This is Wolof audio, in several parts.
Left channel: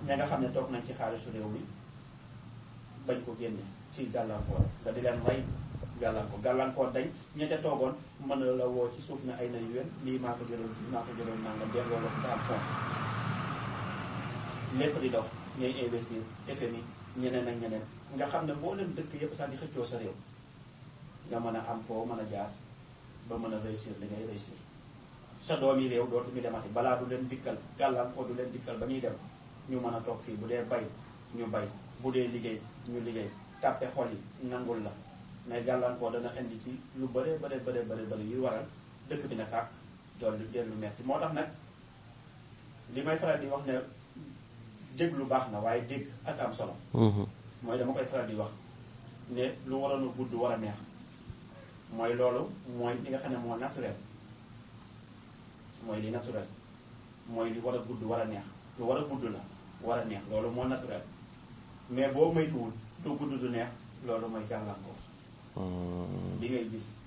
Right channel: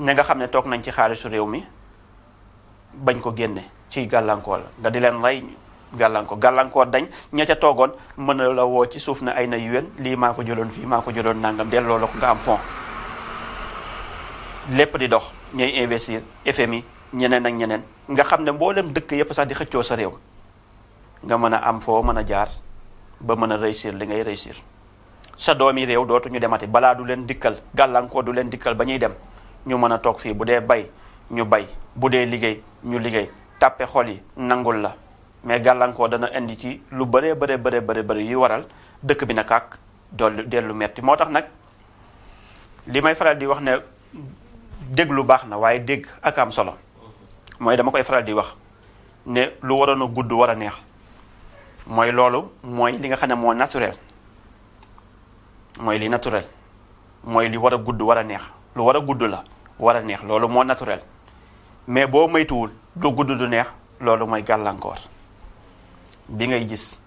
ña nga xam ne toog nañ ci xaalisu réew mi bañ ko génne ci gàllankoor la nga di leen rey gàllankoor dañ ña ca toogoon mën na la woo ci suuf ne ay na yuwén lii maa ko jëloon fii maa ko jëloon nangam delloo la ko nga am fond lépp di dox ñooy investir FMI ñeneen ak ñeneen nga xam ne mboolem dëkk yépp sax di xëccoo sa réew nga mën a am foo mën a jaar ba mën a réussir li ngay réussir sa doomi réew dootuñu demati balaa du leen dikkal gàllankoor du leen dikkal ba ñuy dem ñu mën a toog fii bu dee bay ñu bay bu dee liggéey ñu liggéey tàppe xol yi nangul la mais gàllankoor dana indi ci lu bëree bëri yu waral dëkk bi na kàkk dellu metti moo tax nag li may faral di wax ne déglu baax na waaye dégg ak am solo mooy dama koy faral di wax ne lu waroon a gudd war a neex mooy loolu mooy li nga xam ne moo naturel mooy li naturel mooy li war a gudd war a neex lu war a gudd la war a neex loolu moo naturel mais boo moytuwul du gudd du neex loolu mooy gàllankoor bi ngay gis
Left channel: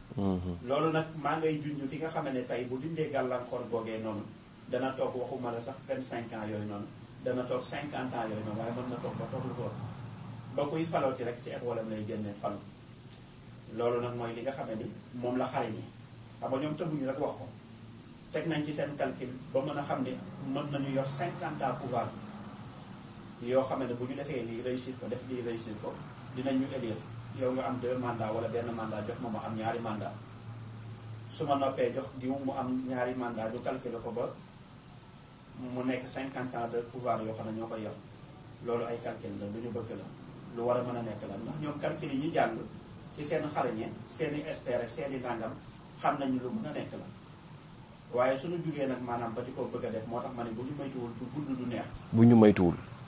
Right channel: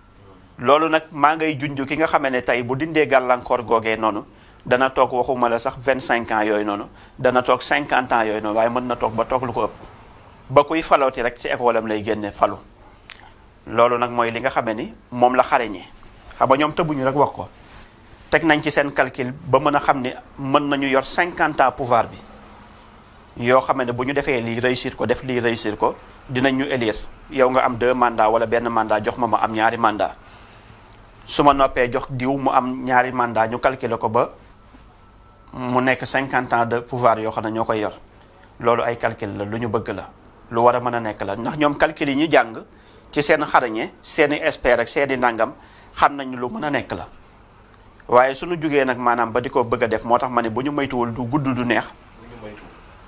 loolu nag maa ngay junj ki nga xamee ne tey bu dindee gàllankoor googee noonu dana toog waxuma la sax 25 ans yooyu noonu dana toog 50 ans yooyu noonu waaye mën na toog ba toog lu ko ëpp ba kuy falooti rek ci école am lay génne falu loolu nag mooy li nga xamee ni moom la xarañee xam nga ñoom tëbuñu rek wax ko teg nañ ci seen calcul ba mën a xam ne mën nañu yor 50 ans pouvoir bi yoo xam ne bu ñu defee lii réussir ko def lii réussir ko dinañ ñu élire yow nga am 2 mandats wala benn mandat jox ma am ñaari mandat su ma noppee jox diw mu am ñaari mandat ñu calculer ko ba mu nekk 50 ans de pouvoir yoo xam ne ñoo koy yor loolu ay calcul la lu ñu bëgg la lu war a mën a nekk la ndax ñoom calcul yi ñu jàng ci seen xarañe seeni expert ak seeni nangam xam nañ lu mën a nekk la waaye suñu jugee nag maanaam ba di ko bëgg a def moo tax ma ne bu ñu maytuwul du gudd du neex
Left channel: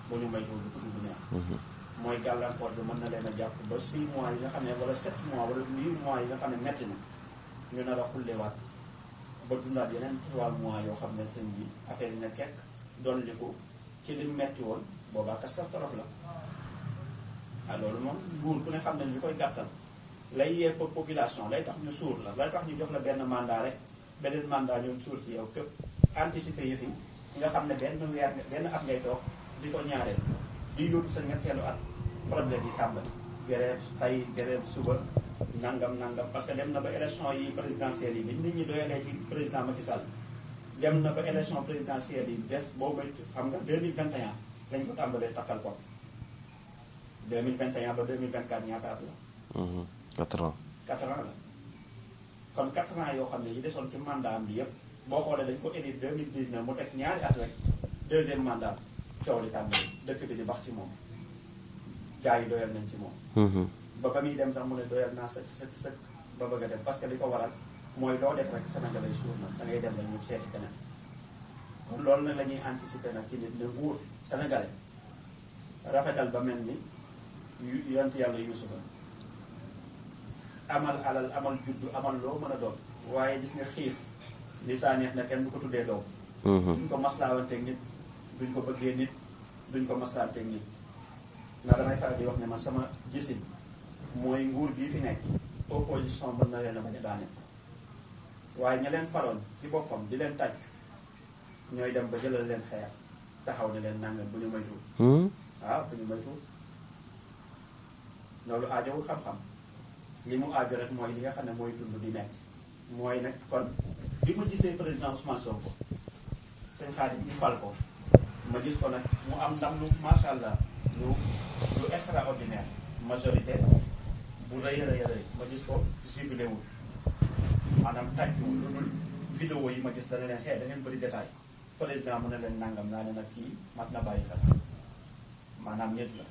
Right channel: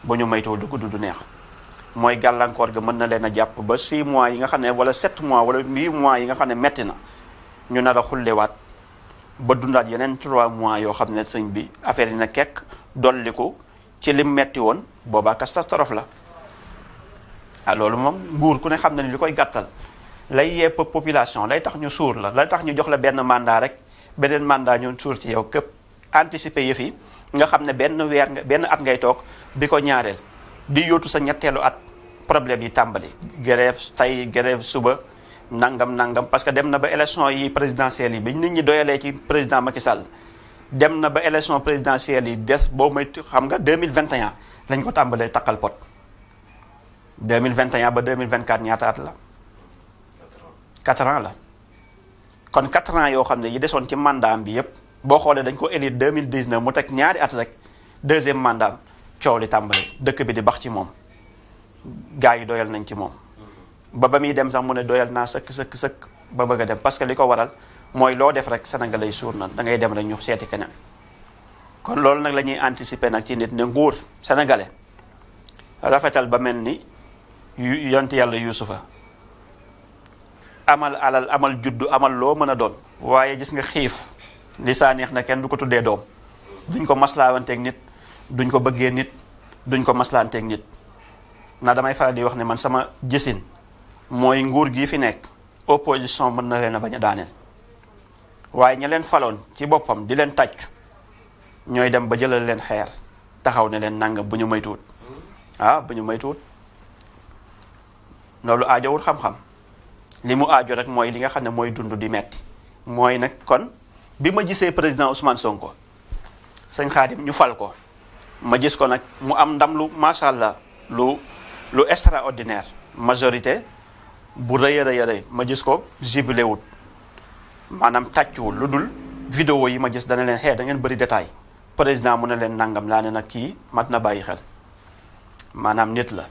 bu ñu maytuwul du gudd du neex mooy gàllankoor ga mën na leen a jàpp ba 6 mois yi nga xam ne wala 7 mois wala 8 mois yi nga xam ne metti na ñu nar a xullewaat ba dundaat yeneen 3 mois yoo xam ne sëñ bi affaire yi na kekk dolliku ci lim metti woon boobaa catastrophe la loolu moom nguur ku ne xam na ni li koy gàttal lay yepp population lay tax ñu suur la lay tax ñu jox la benn mandat rek beneen mandat ñu suur ci yow képp anticiper yëf yi nga xam ne benn at ngay toog di ko ñaareel di yóotu sa ñetteelu at problème yi tàmbali grève tey grève suba nangam parce que dem na ba élection yi présidentielles yi bi nit ñi doyalee ci président Macky Sall dem na ba élection présidentielle yi des boo may xam nga 2021 lañ ko tàmbalee takkal pot 2021 ba 2024 ñaata at la 4 ans la kon 4 ans yoo xam ne yi desoon ci mandat bi yépp boo xoolee dañ ko élire 2019 mu teg ñaari at rek deuxième mandat coow li tàmbali dëkk bi di bax ci moom gars yi doyal nañ ci moom ba muy dem sax mu ne doyal naa sëkk ba bëgg a dem parce que li ko waral mooy loo def rek sénégalais yi suur na da ngay dem rek ñu seeti keneen kon loolu nag la ñuy anticiper nag ci nit ne nguur sénégalais rafetal ba mel ni yonent yàlla yuusufa amal alal amal juddu amal loo mën a doon waaye gis nga xiif li saa neex na kenn du ko tuddee doom duñ ko maslaawanteeg nit duñ ko bëggee nit duñ ko maslaanteeg nit na damay faral di wax ne man sama gisin mooy nguur gii fi nekk opposition mën na leen a bañ a daaneel waaye ña leen faloon ci boppam di leen tàccu ñooy dem ba jëlal leen xeer taxaw ne leen nangam bu ñu maytuwut bu ñu maytuwut loolu aajowul xam-xam li mu aajo rek mooy li nga xam ne mooy dund di metti mooy nag kon bi ma gisee président Ousmane Sonko sëñ Xaadim ñu fal ko ma gis ko nag mu am ndam lu macha allah lu extraordinaire majorité bu rëy a rëy ma gis ko jubilé wut maanaam tàccuwul lu dul vidéo yi ma gis dana leen xee da ngeen bëri détail président mu ne leen nangam laa ne nag kii mat na bàyyi xel maanaam nit la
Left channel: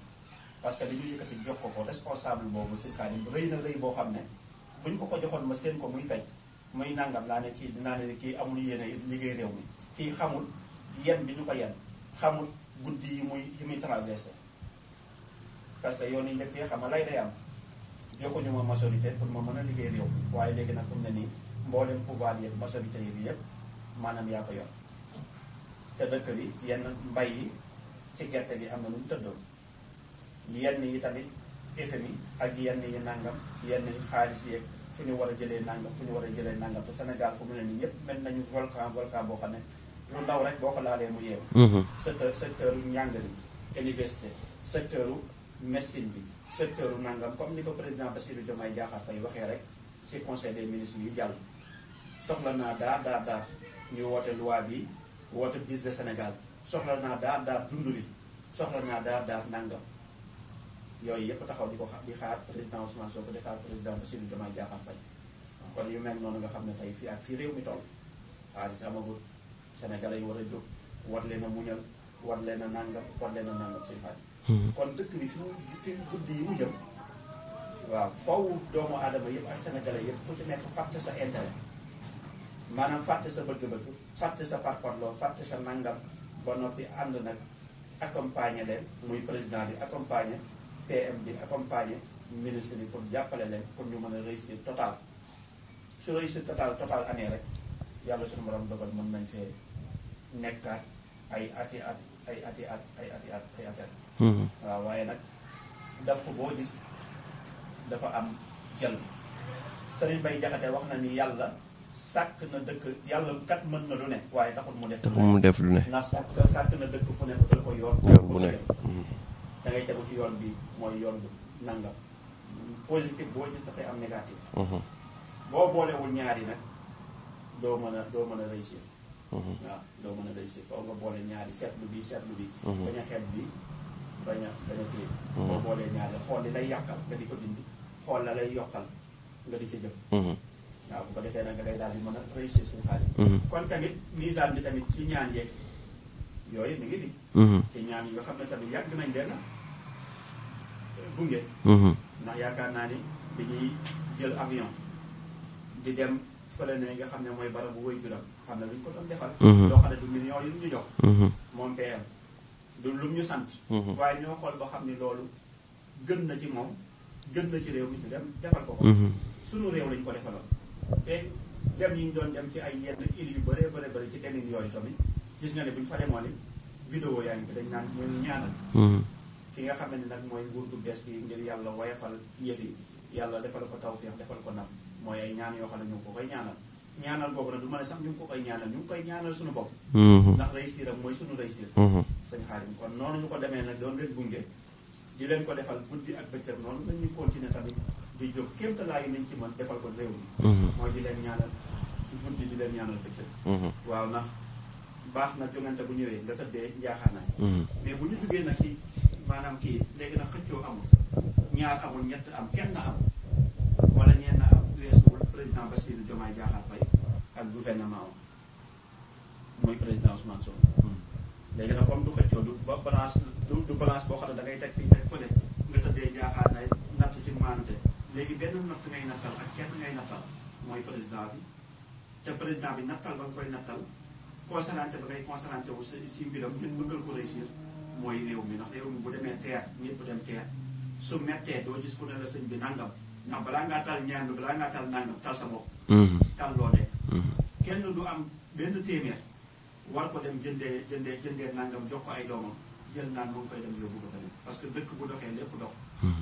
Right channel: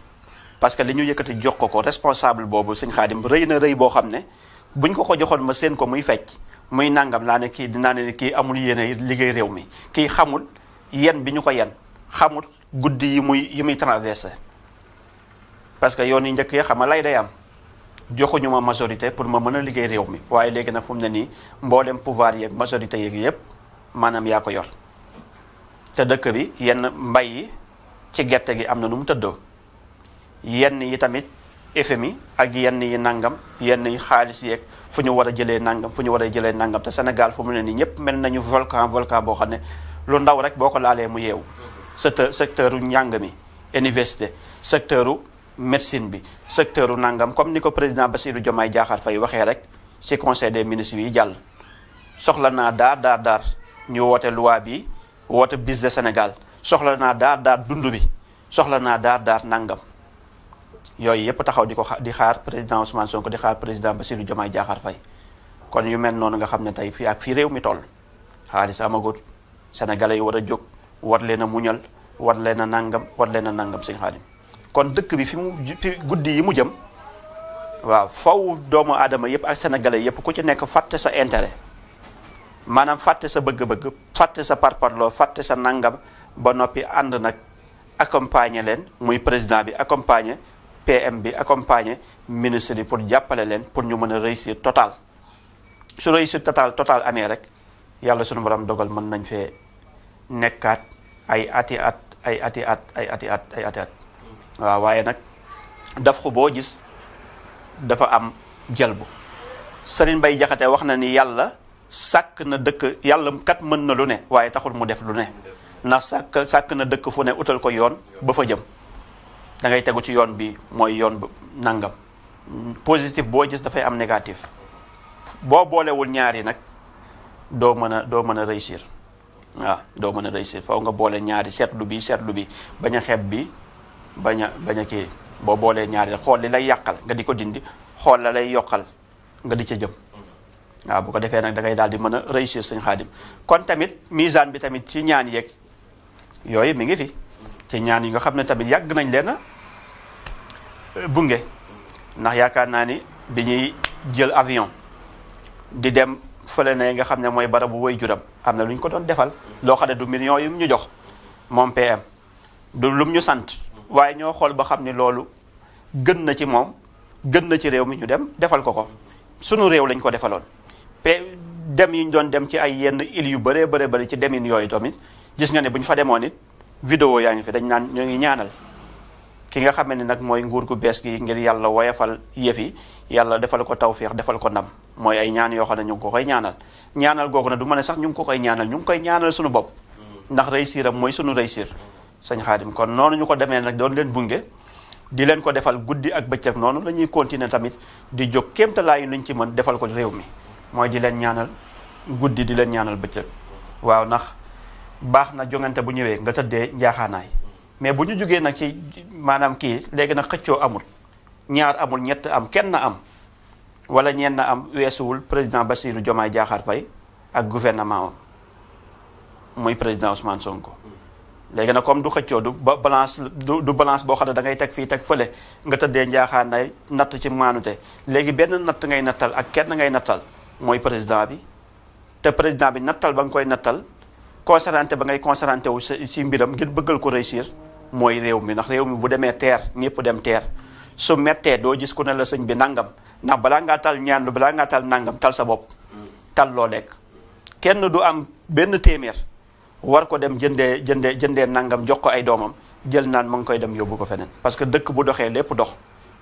parce que li ñu yëkkati jox ko responsable boobu sëñ Xaadim rëy na rëy boo xam ne buñ ko joxoon ma seen ko muy fecc muy nangam laa ne kii dinaa ne kii amul yéene liggéey réew mi kii xamul yen bi ñu ko yen xamul guddi yi muy traversé parce que yoon yi njëkk yi xam nga lay day am joxuñu ma majorité pour ma mën a liggéey réew mi waaye léegi nag fu mu ne nii mboolem pouvoir yeeg majorité yeeg yépp maanaam yaa ko yor te dëkk bi yenn mbay yi ci gerte gi am na nu mu tëddoo yenn yi tamit FMI ak yenn yi nangam yenn yi xaalis yeeg fu ñu war a jëlee nangam fu ñu war a jëlee nangam te Sénégal fu mu ne nii ñëpp mel nañu volcan boo xam ne lu ndaw rek boo ko laalee mu yeewu. secteur njàng mi université secteur médecine bi secteur nangam comme ni ko président Bassirou Diomaye Diakhar Faye waxee rek ci conseil des ministres yi jàll. soxla naa daar ñu woote loi bi woote bis de Sénégal soxla naa daar dund bi soxla naa daar nangam yooyu yëpp taxaw di xaar président Ousmane Sonko di xaar président Bassirou Diomaye Diakhar Faye kon yu mel noonu nga xam ne tey fii ak fii réew mi toll xaalis amagut sénégalais yi war a jóg war leen a muñal war leen a nangam sëñ Xaadim kon dëkk bi fi guddi yi mu jëm waaw faw doomu aadama yëpp ak sénégalais yëpp ku ci nekk fàtte sa intérêt maanaam fàtte sa bëgg-bëgg fàtte sa parparloo fàtte sa nangam ba noppi ànd nag accompagner leen muy président bi accompagner PM bi accompagner ministre yi pour jàppale leen pour ñu mën a réussir total su réussir total amee rek yàlla sunu borom dogal mën nañ fee nekkaat ay ati at waaw waaye nag daf ko boo gis dafa am jalbu Serigne Bay Jaxate wax na ni yàlla sàkk na dëkk yàlla kat mën na lu ne waaye taxul mu def lu ne ndax sàkk na dëkk fu ne utal ko yoon ba fa jëm da ngay tegu ci yoon bi mooy yoon bu nangam positif boo gis dafay am négatif boo boolewul ñaari nag doo mën a réussir waaw doo mën a réussir faw nga boole ñaari seetlu bi bañ a xeeb bi bañ a kii boo boolee ñaari xool li lay yàqal nga di ko dindi xool la lay yokkal nga di ca jëm waaw bu ko defee nag da ngay daal di mën a réussir sëñ Xaadim kon tamit misaan bi tamit ci ñaan yeeg yooyu mi ngi fi ci ñaan yi nga xam ne tamit yàgg nañ leen a bunge ndax yaakaar naa ni bi ñuy jël avion di dem fële ne nga xam ne mooy barabu woy juram am na lu ñu ko doon defal loo xam ne du millions yu ñu jox moom PM du lum ñu sant waaye ñoo xool ba xam ne loolu gën na ci moom gën na ci réew mi ñu dem defal ko sunu réew lañ ko defaloon dem yi ñu doon dem ci ay yenn îles yu bëree ci demin yooyu tamit gis nga ne bu ñu fa demoon it vidéo yaa ngi fi dañ naan ñoo ngi ñaanal ki nga xam ne nag mooy nguur gu bees gi ngir yàlla woyafal yëf yi yàlla defal ko tawféex defal ko ndam mooy ay ñaan yoo xam ne ñu ngi ko koy ñaanal googu nag du ma ne sax ñu ngi ko koy ñaanal ñu ngi koy ñaanal suñu bopp ndax réussir am mooy suñu réussir sëñ Xaadim kon noonu ñu ko demee nag doon leen bunge di leen ko defal guddi ak bëccëg noonu la ñuy continuer tamit di jóg kéemtalaayu luñ ci mën defal ko réew mi mooy di leen ñaanal guddi di leen ñaanal bëccëg waaw ndax baax na jongante bu ñëwee nga tëddee njaaxaanaay mais bu ñu jógee nag ci maanaam kii léegi nag xëccoo amul ñaar amul ñett am kenn na am wala ñenn na am weesuwul président Bassirou Diomaye Diakhar Faye ak gouvernement muy président Ousmane Sonko léegi nag comme du xëccoo du balance du balance boo xam ne da ngay teg fii teg fële nga tëddee njaaxaanaay natt ci maanute léegi benn natt ngay nattal ak kenn ngay nattal mooy président bi te président bi nattal ba nga koy nattal concentré ba ngay concentré wu si mbiram ngir bëggal ko réussir mooy réew mi ndax réew mi bu demee teer ñëpp dem teer su mettee doo gis ku ne la sëñ bi nangam ndax balaa ngaa tal ñaan lu balaa ngaa tal nangam tal sa bopp tal loo lekk kenn du am benn téeméer war ko dem jëndee nangam jox ko ay doomam jël naan ma ngi koy dem yóbbu ko feneen parce que dëkk bu doxee lépp dox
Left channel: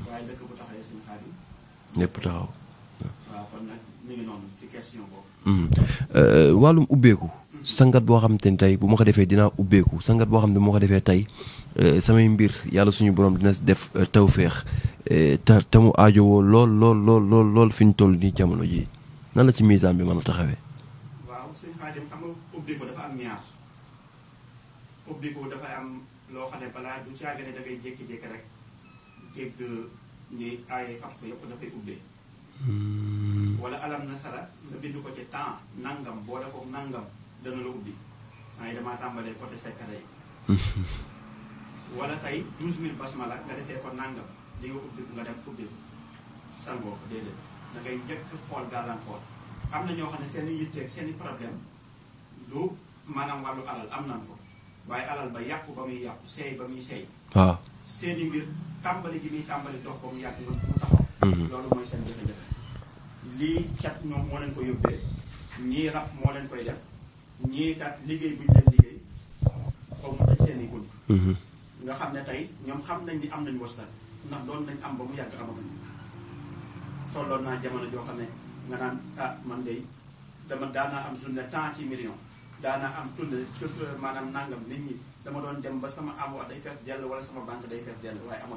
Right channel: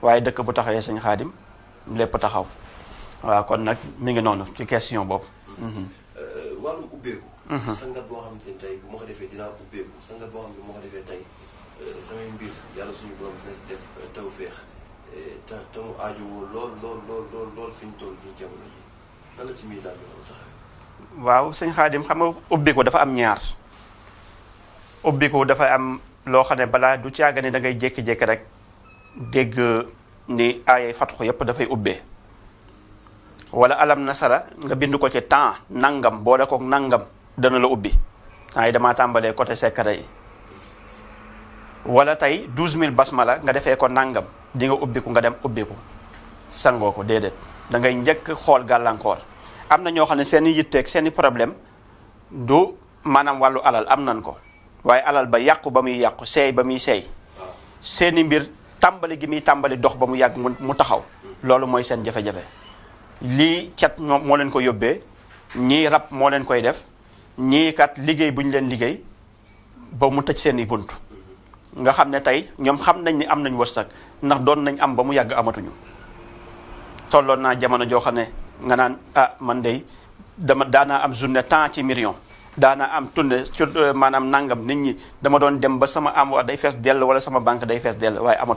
waaye dëkk bu taxawee sëñ Xaadim lépp taxaw waaw kon nag mi ngi noonu ci question boobu wàllum ubbeeku sangat boo xam te ne tey bu ma ko defee dinaa ubbeeku sangat boo xam ne bu ma ko defee tey samay mbir yàlla suñu borom dina def tawféex te mu aajowoo lool fi ñu toll nii jamono ji nan la ci misaan bi mën a taxawee waaw sëñ Xaadim xam nga ubbeeku dafa am ñaar ubbeeku dafa am loo xam ne balaa du caaga ne da ngay jékki-jékki rek dégg ni aayay fatxu yépp dafay ubbee wala alam nasara nga bind ko ci temps nangam boole ko nangam dana la ubbi temps yi damaa tàmbalee côté secret yi wala tey 12000 basmala nga defee ko nangam di nga ubbiku nga dem ubbiku sangoo ko déedéet da ngay njëkk xool gàllankoor am na ñoo xam ne seen i yitteeg seen i problème du maanaam wàllu alal am nan ko waaye alal ba yàqu ba muy yàqu seey ba muy seey waaw seen i mbir tàmbali gi muy tàmbali dox ba mu yàgg mu taxaw loolu mooy seen jafe-jafe lii cat moo leen ko yóbbee ñii rab moo leen koy def ñii kat liggéey bu ñu leen liggéey ba mu tëj seen i bunt nga xam ne tey ñoom xam nañ ni am nañ wërsëg ndax doon nañ am ba mu yàgg amatuñu tolloon naa jamono joo xam ne nga naan man de daanaa am journée temps ci million daana am tunne maanaam nangam nit ñi dama doon dem ba sama envoi day fees dell wala sama banque day fees dell waaye amatu